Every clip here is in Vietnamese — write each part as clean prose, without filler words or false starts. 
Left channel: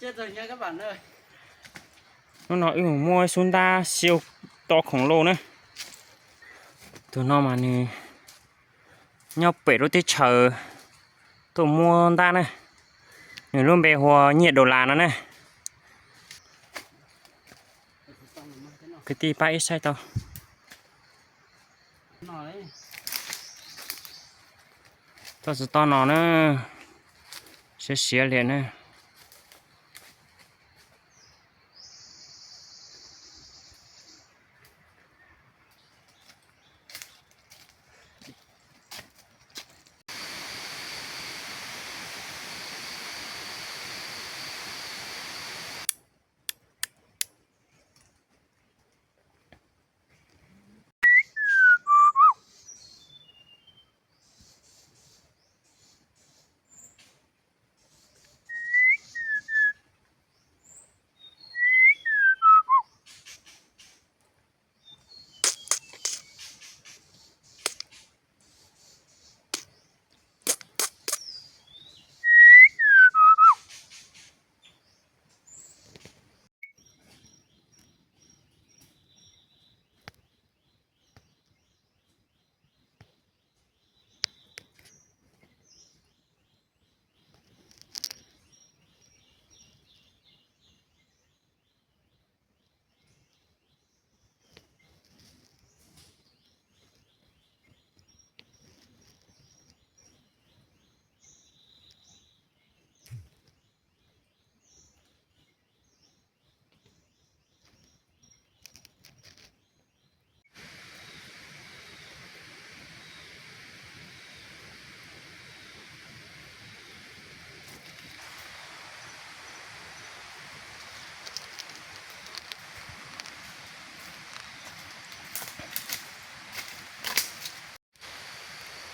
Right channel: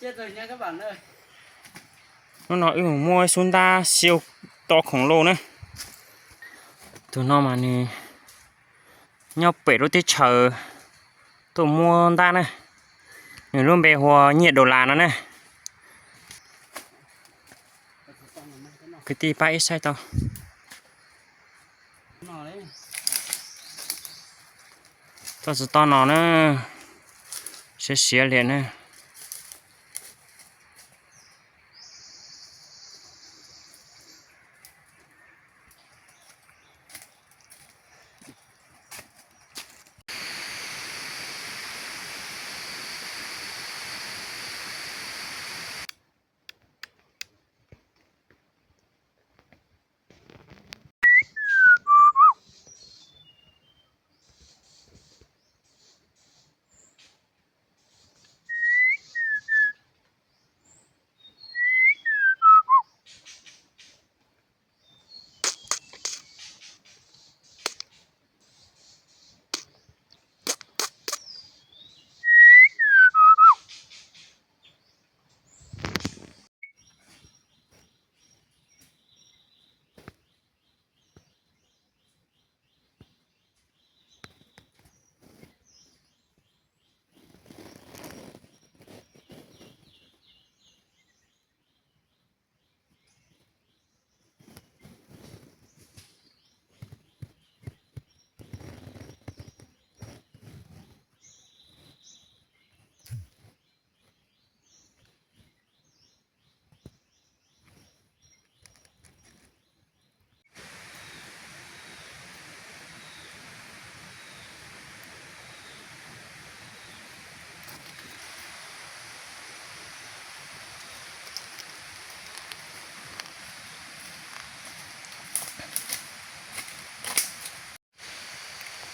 chết rồi nha các bạn ơi. Nó nói mua xuống ta siêu to khổng lồ nữa. Tụi nó mà nè nhau bể đôi tí chờ tụi mua ta nè. Nếu luôn bề hòa nhiệt độ là nó nè. Cái tí ba ít sai tao. Tao sẽ to nó nữa. Sẽ xỉa liền nè.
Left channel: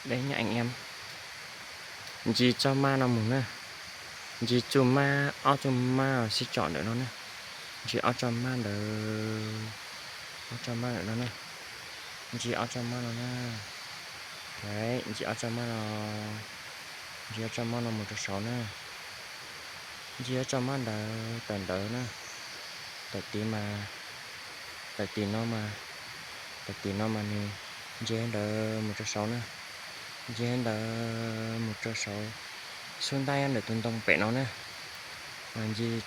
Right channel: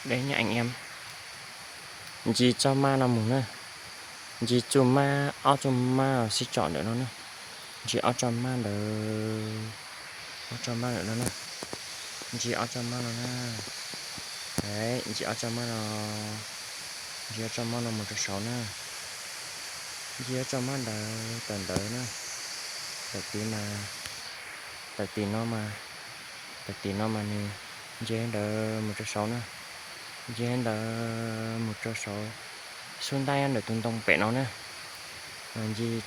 Đấy nha anh em. Gì cho ma nào mùng nè. Gì cho ma ao cho ma sẽ chọn được nó nè. Gì ao cho ma được. Ao cho ma được nó nè. Gì ao cho ma nó nè. Đấy, gì ao cho ma nó. Gì ao cho ma nó 1.6 nè. Gì ao cho ma được tần đỡ nè. Tại tí nó mà nè. Gì đỡ 1.6 nè. Gen đỡ 1.6 xuống tay ăn được tuần tông bể nó nè. Gì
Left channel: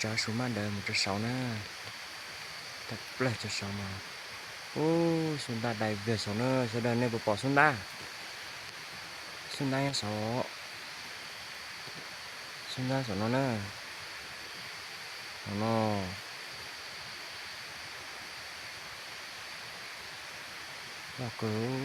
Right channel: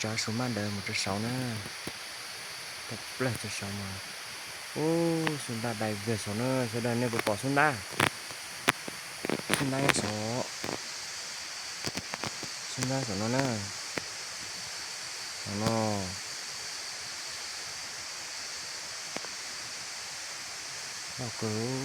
cho xuống mà đỡ 1.6 nè. Thật là 1.6 mà. Ô xuống ta đầy về số nữa. Sẽ đỡ này bỏ xuống ta. Xuống tay ăn số. Xuống ta số nó nè. Nó đọc cứu.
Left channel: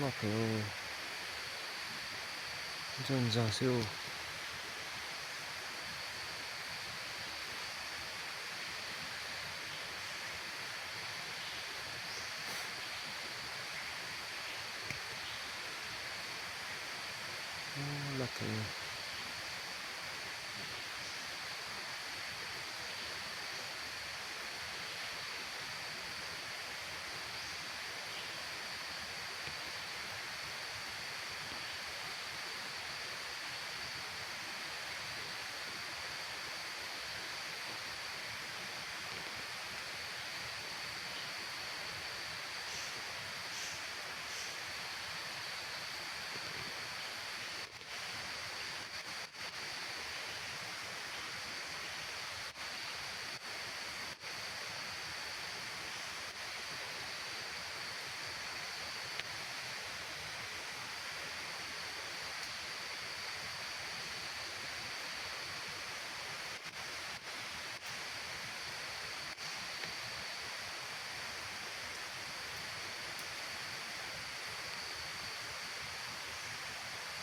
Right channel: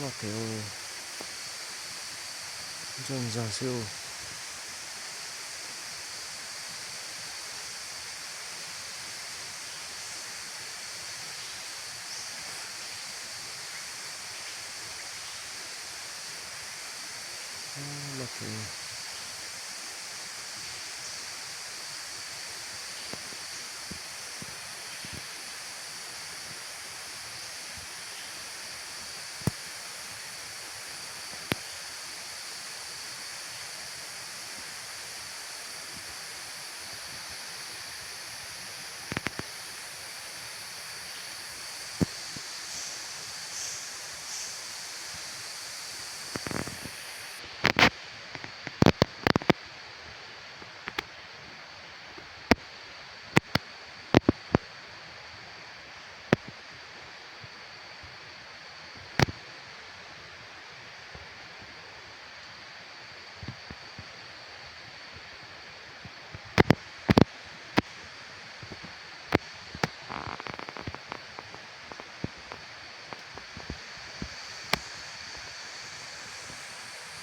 Nó kiểu dần dần siêu nó kiểu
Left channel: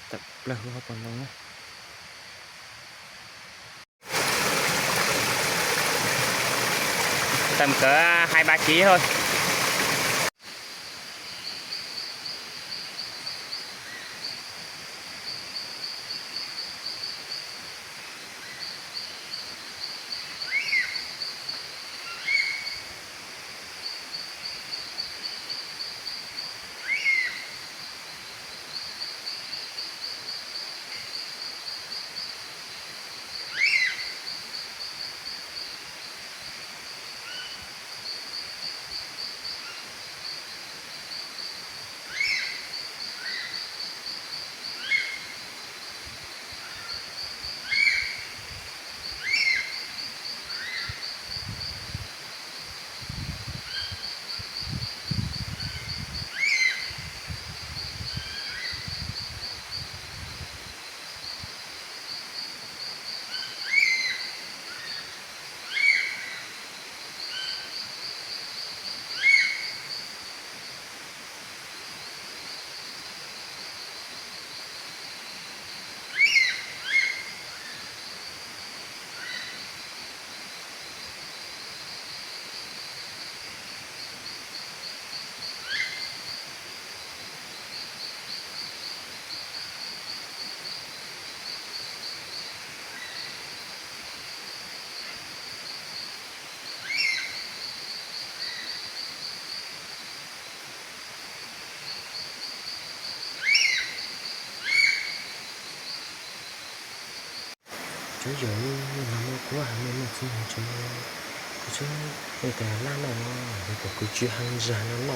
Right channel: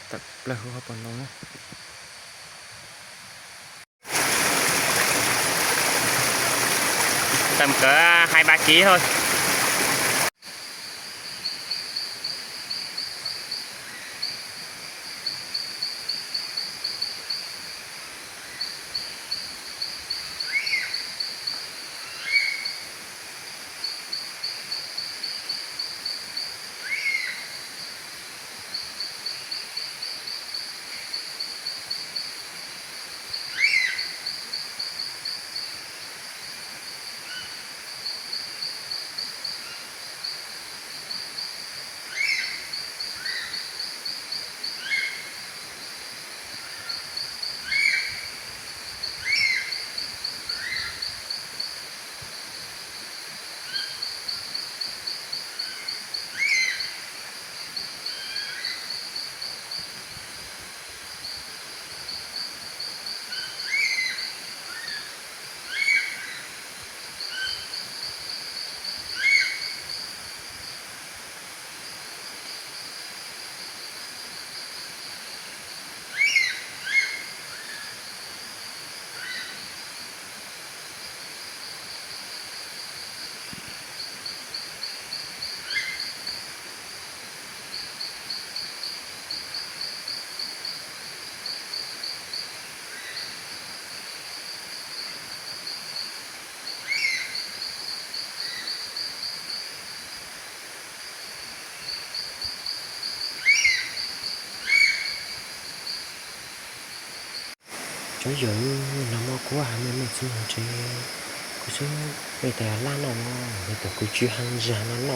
tập là hữu hợp còn lâu nữa. Tầm cỡ 2-3 kg thôi. cho giờ nó mà quá mình chỉ muốn chơi cứ chứ bây giờ là nó bây giờ cứ chưa hàng giờ nó